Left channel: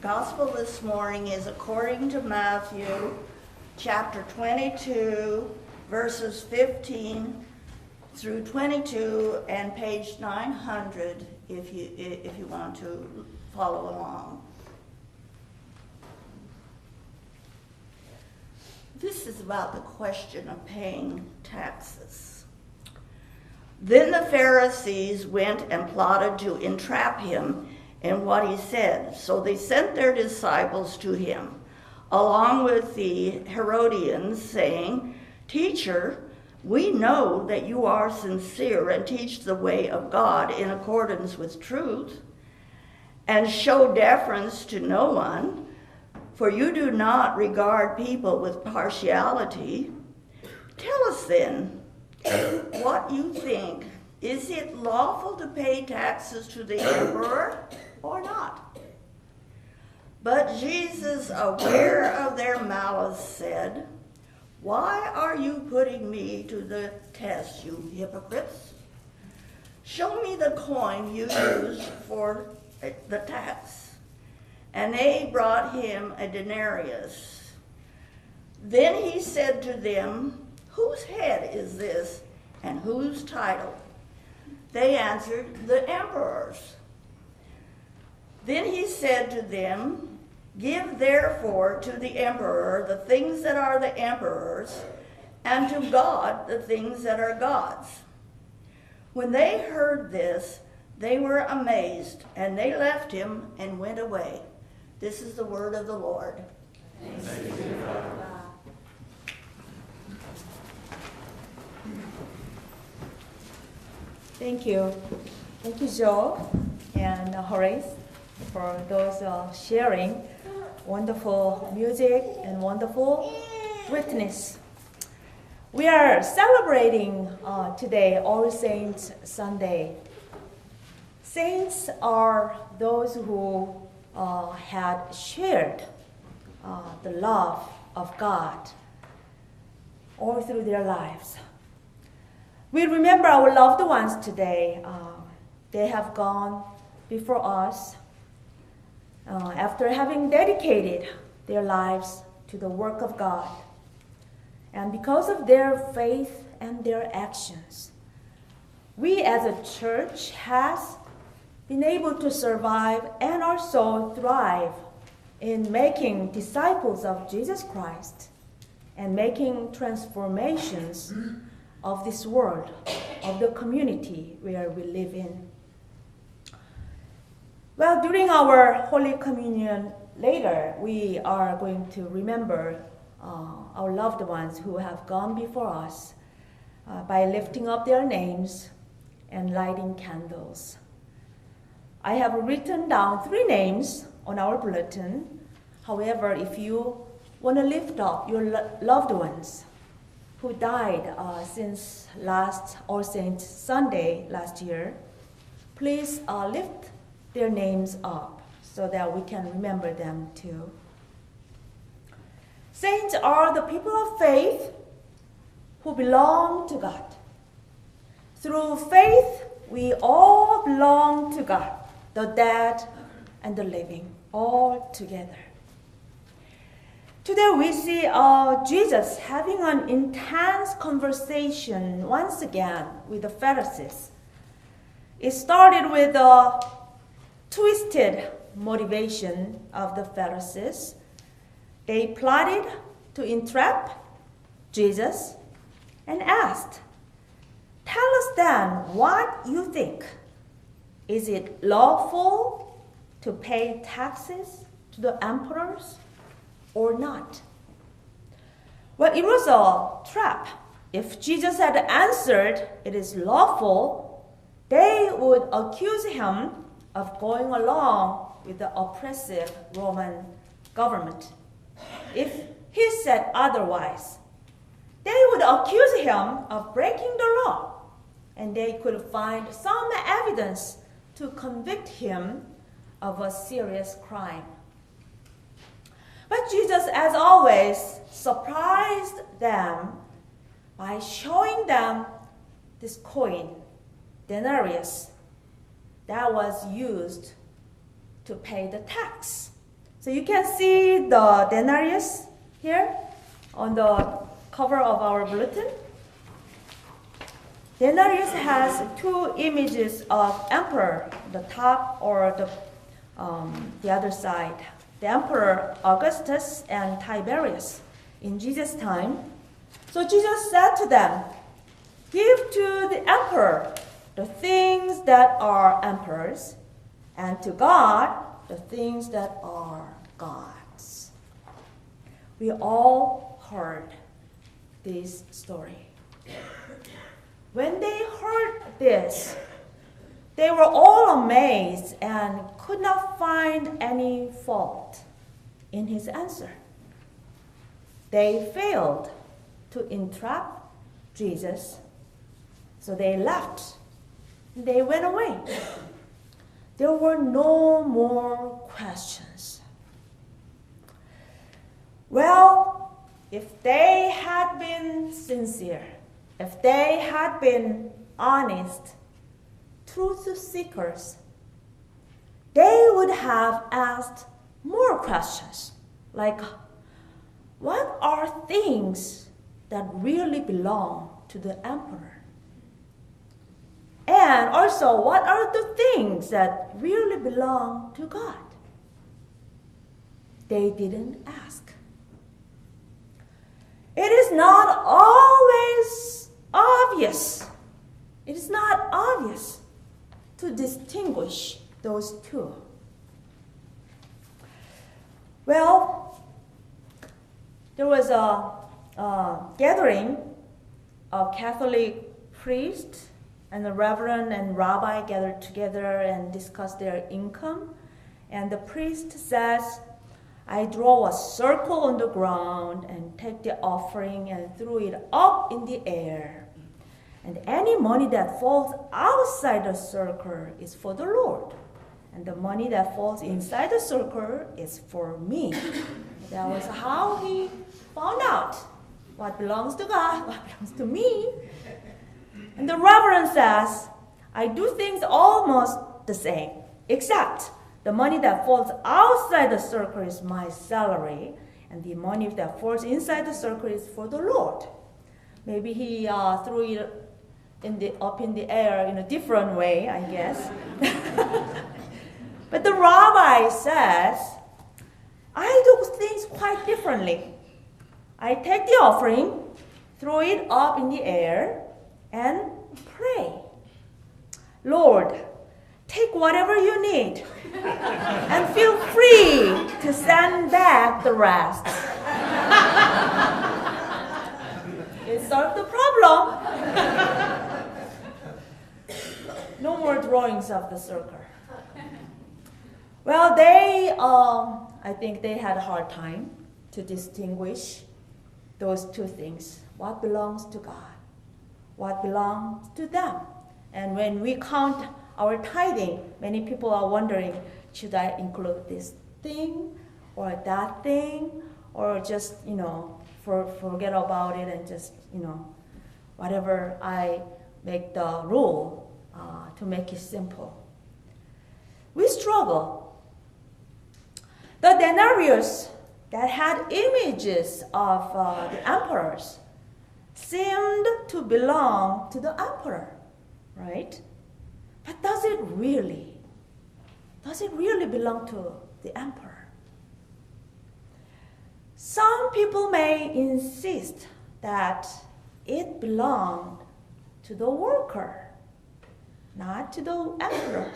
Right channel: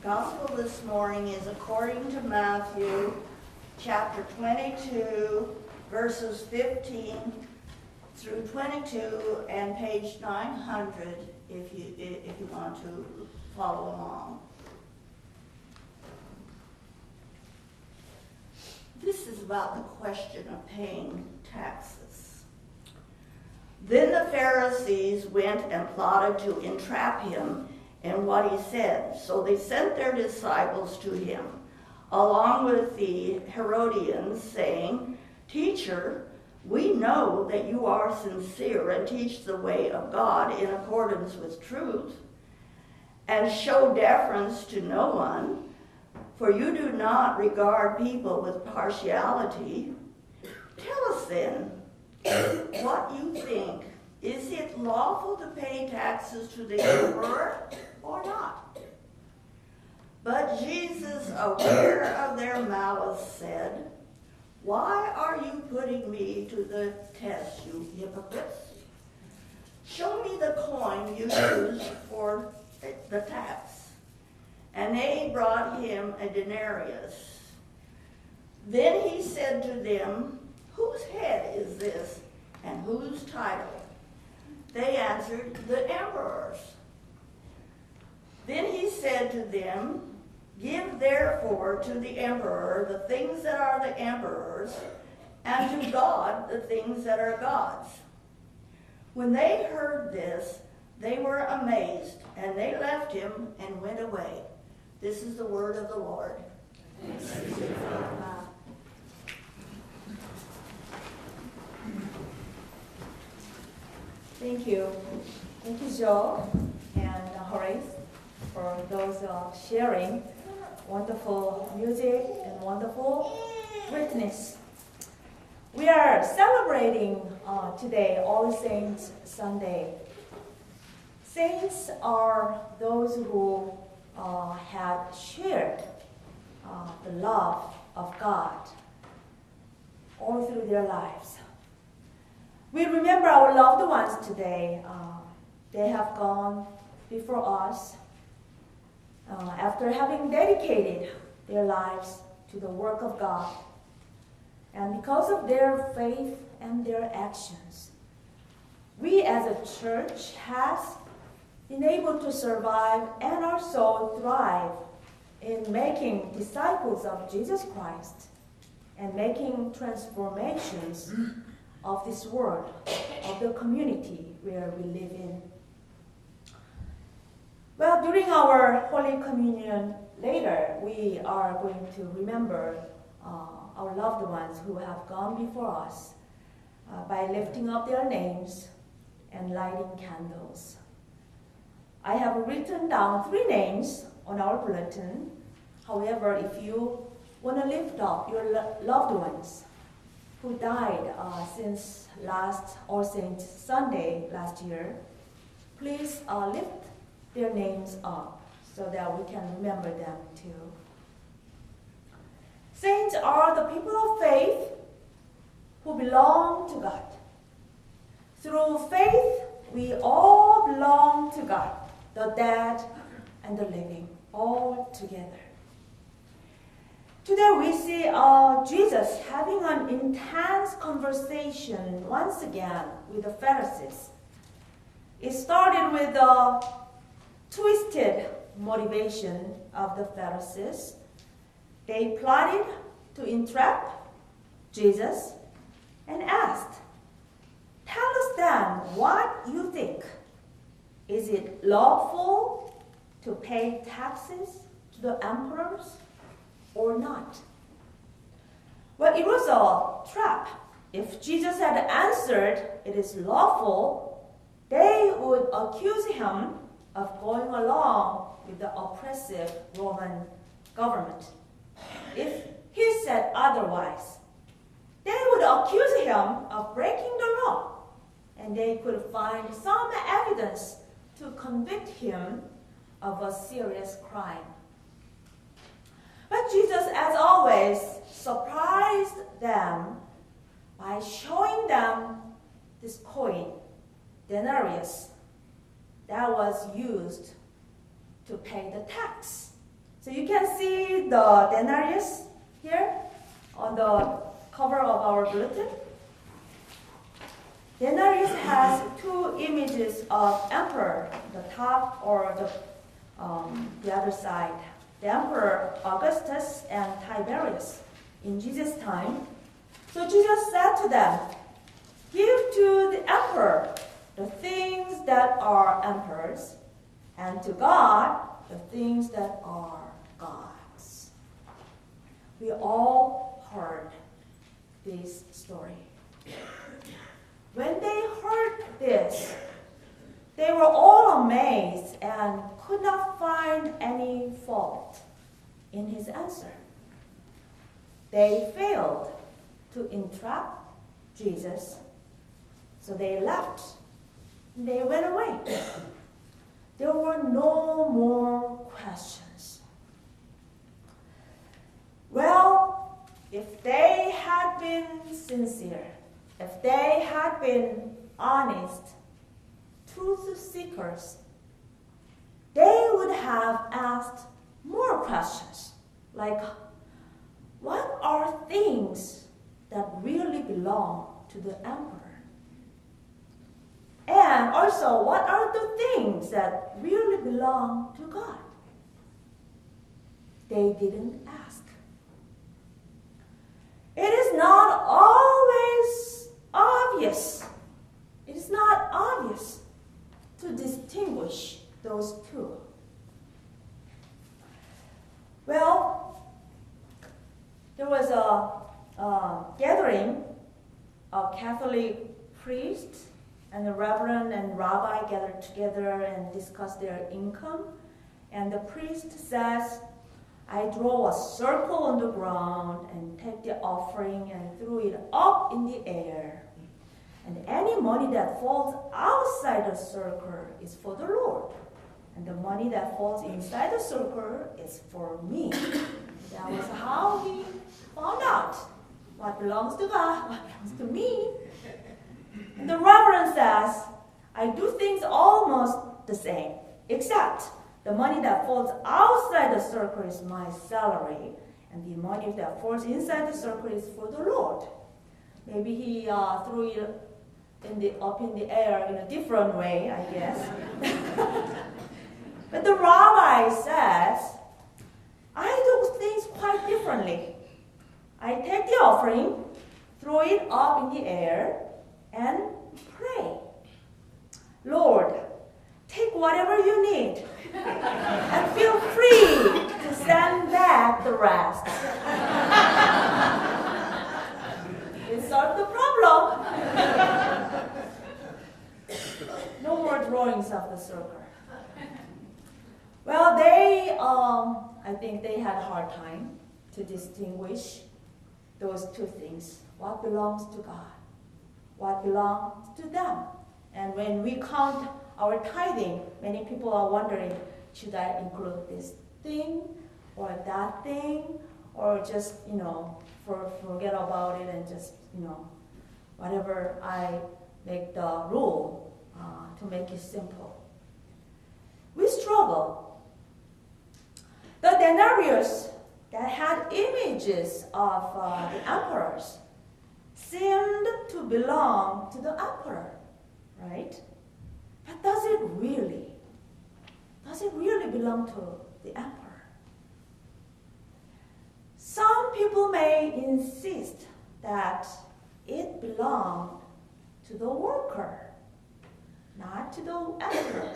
Gospel this morning is according to Matthew chapter 22, verses 15 through 22, and page 900 if you want to follow along. This is about the question of paying taxes. Then the Pharisees went and plotted to entrap him in what he said. So they sent their disciples to him, along with the Herodians, saying, "Teacher, we know that you are sincere and teach the way of God in accordance with truth, and show deference to no one, for you do not regard people with partiality. Tell us then what you think. Is it lawful to pay taxes to the emperor or not?" But Jesus, aware of their malice, said, "Why are you putting me to the test, you hypocrites? Show me the coin you used for the tax." And they brought him a denarius. Then he said to them, "Whose head is this, and whose title?" They answered, "The emperor's." Then he said to them, "Give therefore to the emperor the things that are the emperor's, and to God the things that are God's." When they heard this, they were amazed, and they left him and went away. This is the word of the Lord. Thanks be to God. Thank you. Thank you, Joe and Horace, for those sharing wonderful music and wonderful witness. We are celebrating today All Saints Sunday. Saints are those who had shared the love of God all through their lives. We remember our loved ones today. They have gone before us after having dedicated their lives to the work of God. And because of their faith and their actions, we as a church has been able to survive and also thrive in making disciples of Jesus Christ and making transformations of this world, of the community where we live in. Well, during our Holy Communion later, we are going to remember our loved ones who have gone before us by lifting up their names and lighting candles. I have written down 3 names on our bulletin. However, if you want to lift up your loved ones who died since last All Saints Sunday last year, please lift their names up so that we can remember them too. Saints are the people of faith who belong to God. Through faith, we all belong to God, the dead and the living, all together. Today we see Jesus having an intense conversation once again with the Pharisees. It started with a twisted motivation of the Pharisees. They plotted to entrap Jesus and asked, "Tell us then what you think. Is it lawful to pay taxes to the emperors or not?" Well, it was a trap. If Jesus had answered it is lawful, they would accuse him of going along with the oppressive Roman government. If he said otherwise, they would accuse him of breaking the law, and they could find some evidence to convict him of a serious crime. But Jesus, as always, surprised them by showing them this coin, denarius, that was used to pay the tax So you can see the denarius here on the cover of our bulletin. Denarius has two images of emperor, the top or the other side. The emperor Augustus and Tiberius in Jesus' time. So Jesus said to them, "Give to the emperor the things that are emperor's, and to God the things that are God's." We all heard this story. When they heard this, they were all amazed and could not find any fault in his answer. They failed to entrap Jesus, so they left. They went away. There were no more questions. Well, if they had been sincere, if they had been honest, truth seekers, they would have asked more questions, like, what are things that really belong to the emperor? And also, what are the things that really belong to God? They didn't ask. It is not always obvious. It is not obvious to distinguish those two. Well, there was a gathering of Catholic priests and the reverend and rabbi gathered together and discussed their income. And the priest says, "I draw a circle on the ground and take the offering and throw it up in the air. And any money that falls outside the circle is for the Lord. And the money that falls inside the circle is for me." That was how he found out what belongs to God, what belongs to me. And the reverend says, "I do things almost the same, except the money that falls outside the circle is my salary, and the money that falls inside the circle is for the Lord." Maybe he threw it up in the air in a different way, I guess. But the rabbi says, "I do things quite differently. I take the offering, throw it up in the air, and pray. Lord, take whatever you need, and feel free to send back the rest." It solved the problem. No more drawings of the circle. Well, I think they had a hard time to distinguish those two things. What belongs to God? What belongs to them? And when we count our tithing, many people are wondering, should I include this thing or that thing? Or just, forget about it and just, whatever I make the rule to make it simple. We struggle. The denarius that had images of the emperors seemed to belong to the emperor, right? But does it really belong to the emperor? Some people may insist that it belonged to the worker, not to the emperor.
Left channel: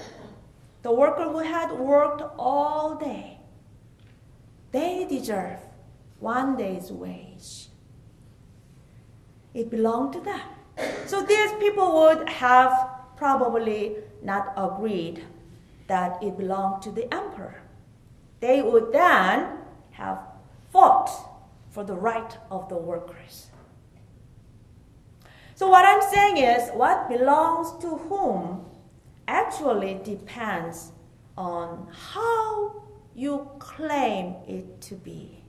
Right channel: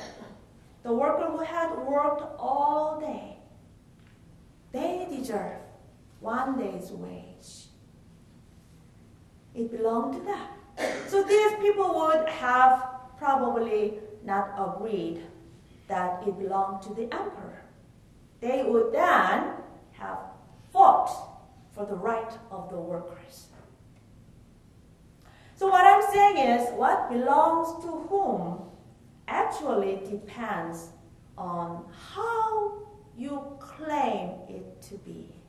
The worker who had worked all day. They deserve one day's wage. It belonged to them. So these people would have probably not agreed that it belonged to the emperor. They would then have fought for the right of the workers. So what I'm saying is, what belongs to whom actually depends on how you claim it to be.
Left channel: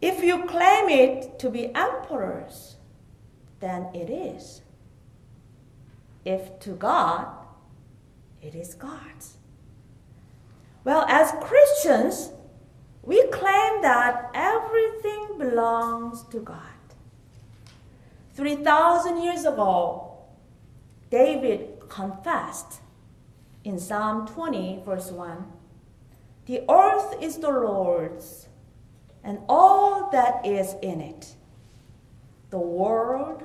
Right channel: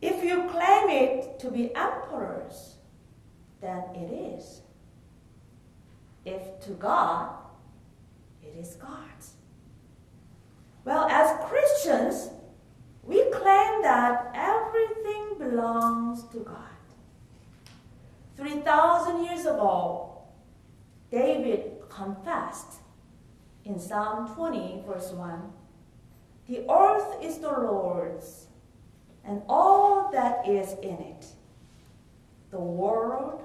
If you claim it to be emperor's, then it is. If to God, it is God's. Well, as Christians, we claim that everything belongs to God. 3,000 years ago, David confessed in Psalm 20, verse 1, "The earth is the Lord's, and all that is in it, the world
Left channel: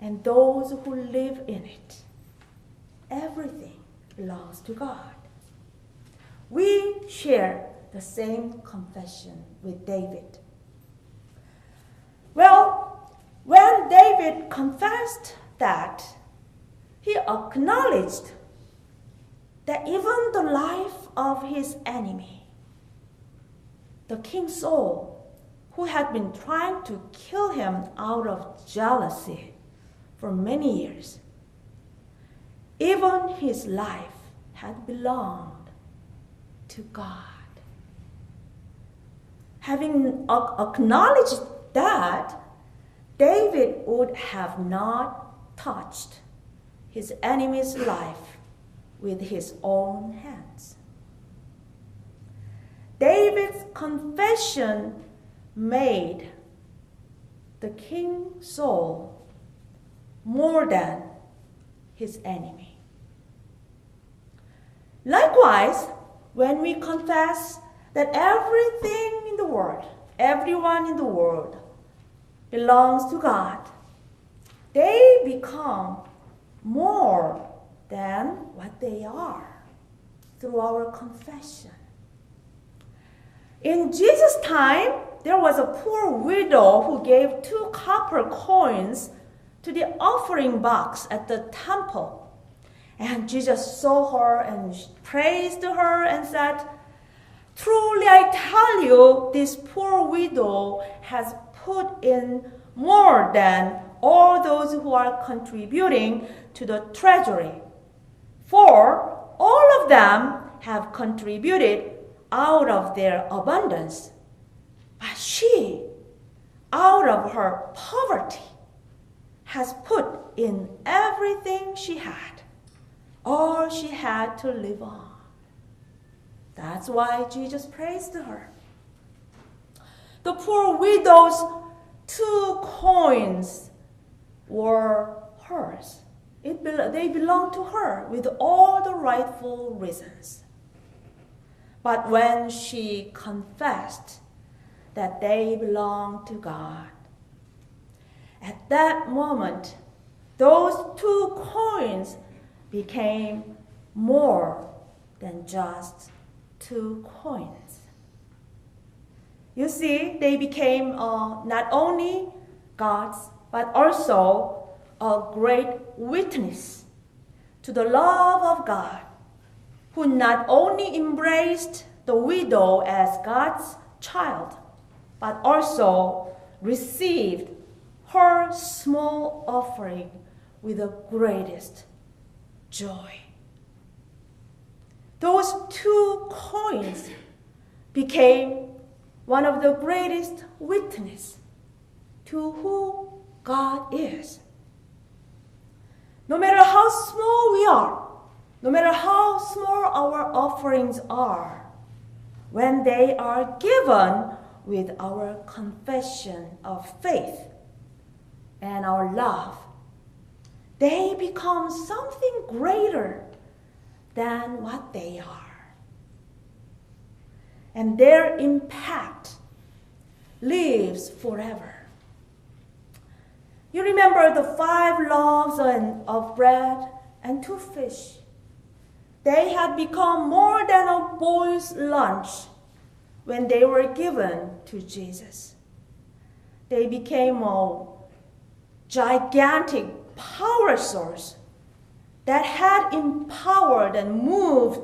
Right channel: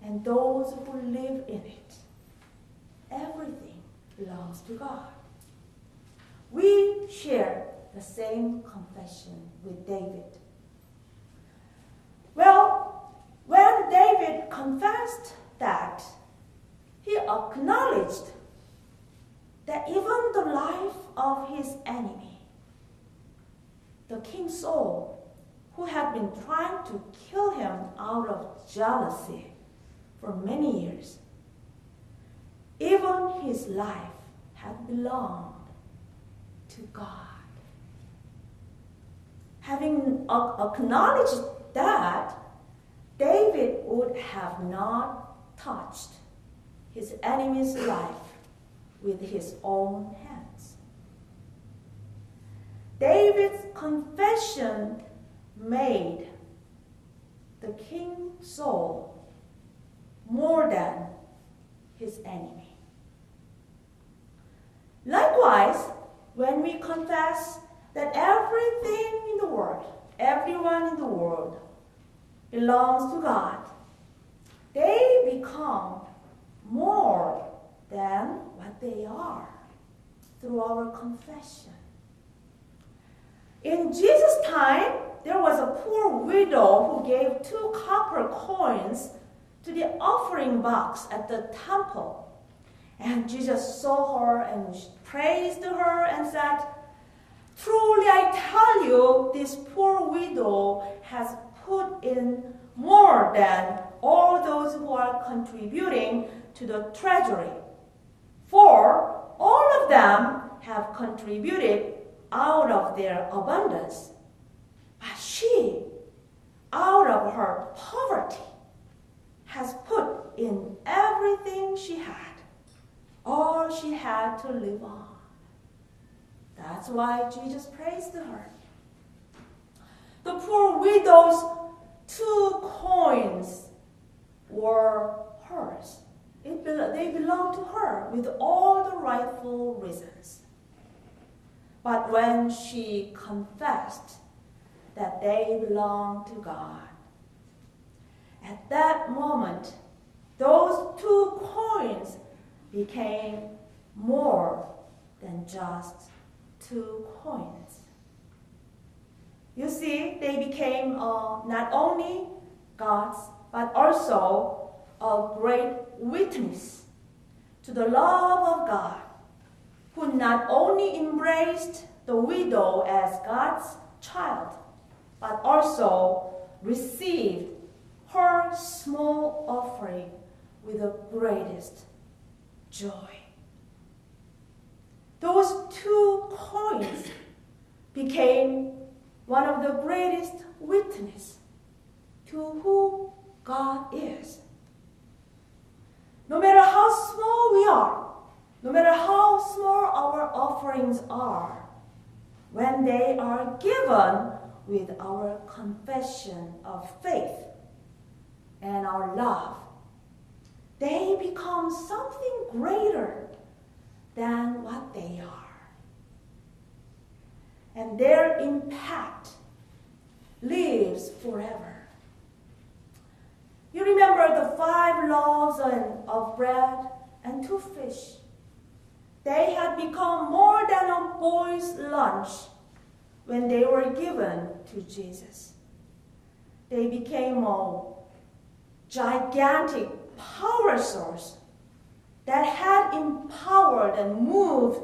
and those who live in it. Everything belongs to God." We share the same confession with David. Well, when David confessed that, he acknowledged that even the life of his enemy, the King Saul, who had been trying to kill him out of jealousy for many years, even his life had belonged to God. Having acknowledged that, David would have not touched his enemy's life with his own hands. David's confession made the King Saul more than his enemy. Likewise, when we confess that everything in the world, everyone in the world, belongs to God, they become more than what they are through our confession. In Jesus' time, there was a poor widow who gave 2 copper coins to the offering box at the temple. And Jesus saw her and praised her and said, "Truly I tell you, this poor widow has put in more than all those who are contributing to the treasury. For all of them have contributed out of their abundance. But she, out of her poverty, has put in everything she had, all she had to live on." That's why Jesus praised her. The poor widow's 2 coins were hers. They belonged to her with all the rightful reasons. But when she confessed that they belonged to God, at that moment, those 2 coins became more than just 2 coins. You see, they became not only God's, but also a great witness to the love of God, who not only embraced the widow as God's child, but also received her small offering with the greatest joy. Those 2 coins became one of the greatest witnesses to who God is. No matter how small we are, no matter how small our offerings are, when they are given with our confession of faith and our love, they become something greater than what they are. And their impact lives forever. You remember the 5 loaves of bread and 2 fish. They had become more than a boy's lunch when they were given to Jesus. They became a gigantic power source that had empowered and moved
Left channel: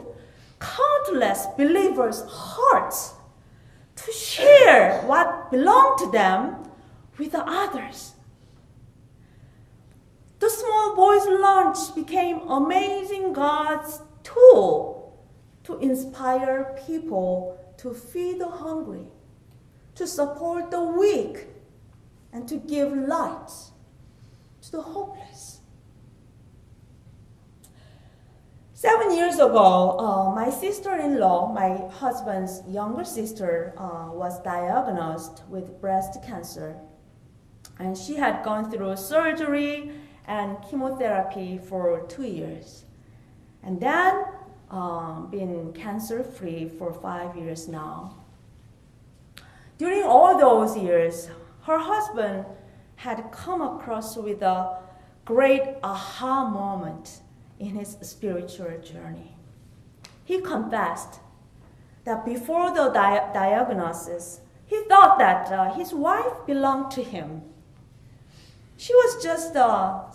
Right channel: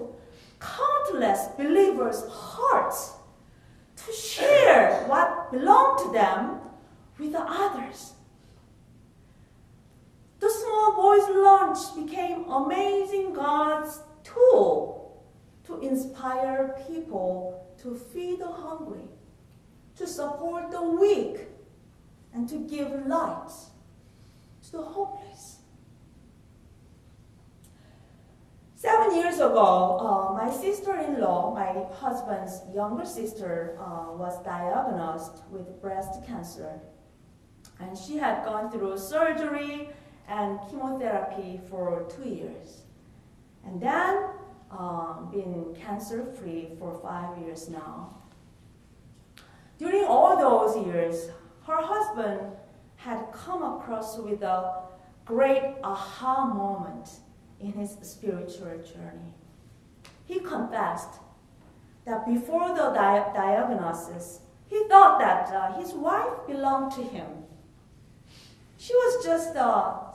countless believers' hearts to share what belonged to them with the others. The small boy's lunch became amazing God's tool to inspire people to feed the hungry, to support the weak, and to give light to the hopeless. 7 years ago, my sister-in-law, my husband's younger sister, was diagnosed with breast cancer. And she had gone through surgery and chemotherapy for 2 years. And then been cancer-free for 5 years now. During all those years, her husband had come across with a great aha moment in his spiritual journey. He confessed that before the diagnosis, he thought that his wife belonged to him. She was just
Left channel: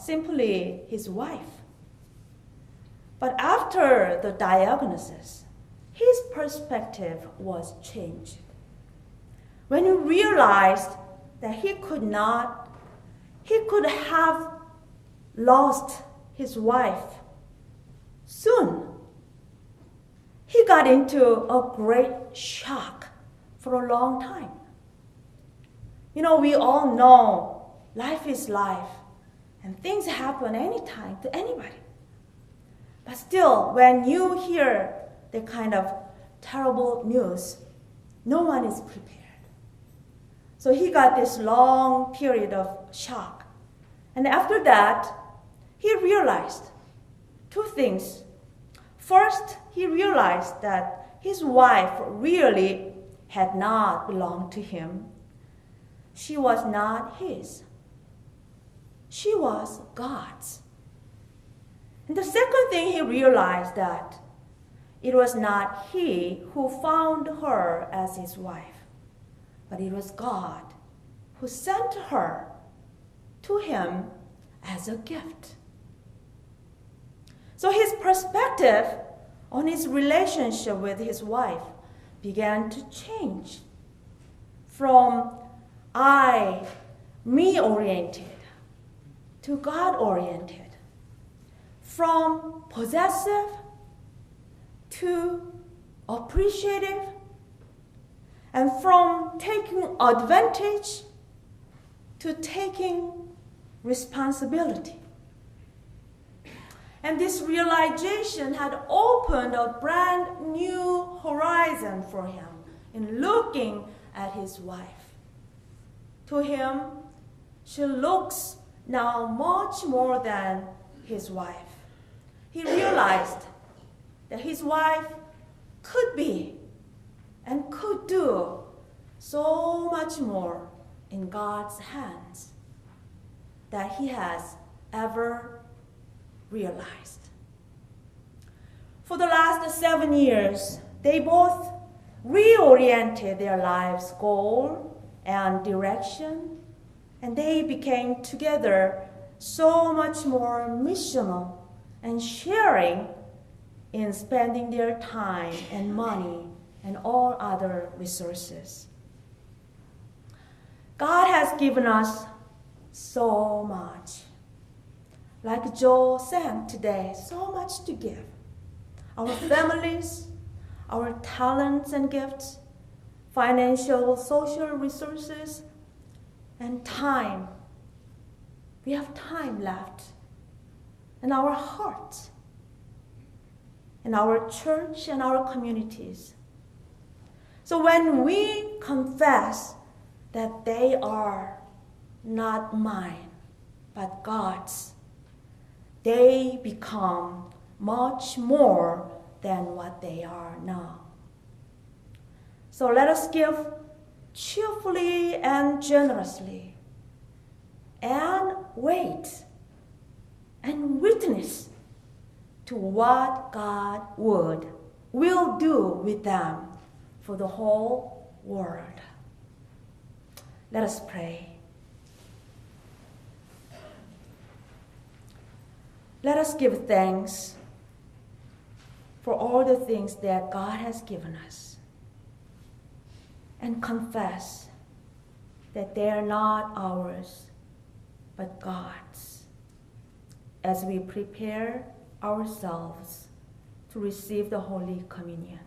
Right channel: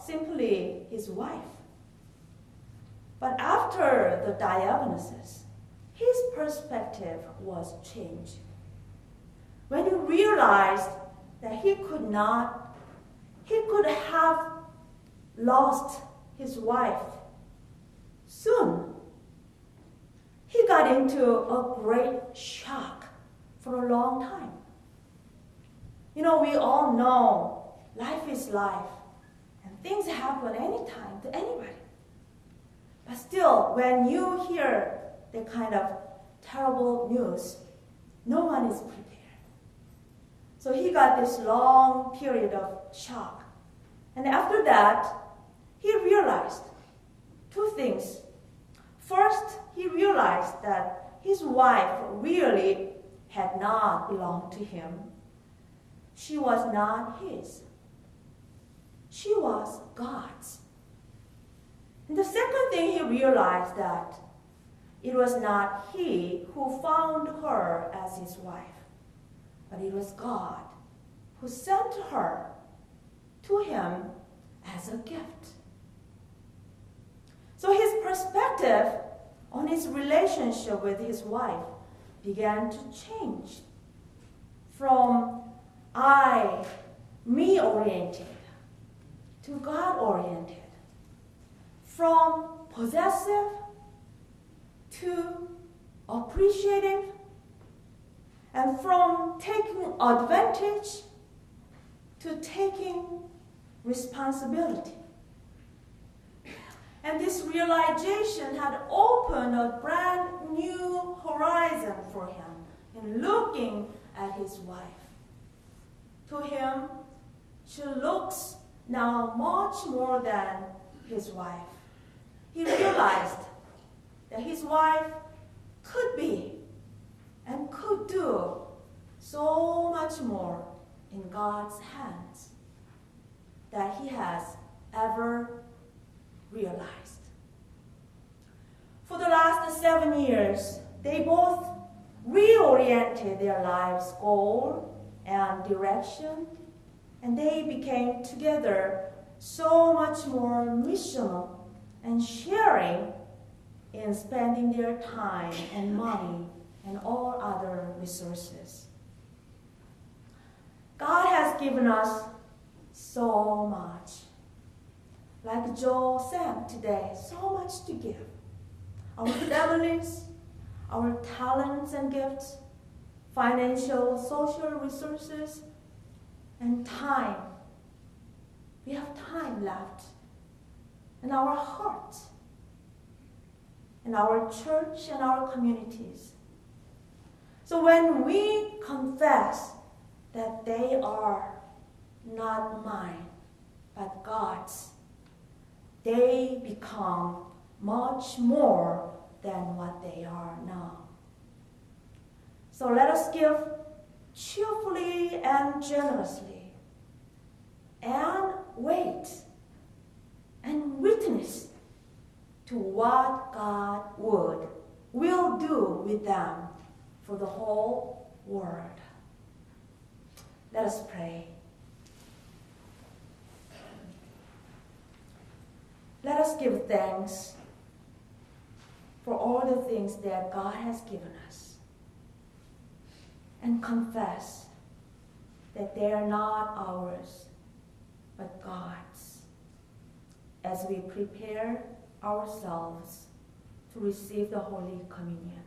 simply his wife. But after the diagnosis, his perspective was changed. When he realized that he could have lost his wife soon, he got into a great shock for a long time. You know, we all know life is life, and things happen anytime to anybody. But still, when you hear the kind of terrible news, no one is prepared. So he got this long period of shock. And after that, he realized two things. First, he realized that his wife really had not belonged to him. She was not his. She was God's. And the second thing he realized that it was not he who found her as his wife, but it was God who sent her to him as a gift. So his perspective on his relationship with his wife began to change from me-oriented to God-oriented, from possessive to appreciative, and from taking advantage to taking responsibility. And this realization had opened a brand new horizon for him in looking at his wife. To him, she looks now much more than his wife. He realized that his wife could be and could do so much more in God's hands than he has ever realized. For the last 7 years, they both reoriented their lives' goal and direction, and they became together so much more missional and sharing in spending their time and money and all other resources. God has given us so much. Like Joe sang today, so much to give. Our families, our talents and gifts, financial, social resources, and time. We have time left. And our hearts, and our church and our communities. So when we confess that they are not mine, but God's, they become much more than what they are now. So let us give cheerfully and generously, and wait and witness to what God will do with them for the whole world. Let us pray. Let us give thanks for all the things that God has given us, and confess that they are not ours, but God's, as we prepare ourselves to receive the Holy Communion.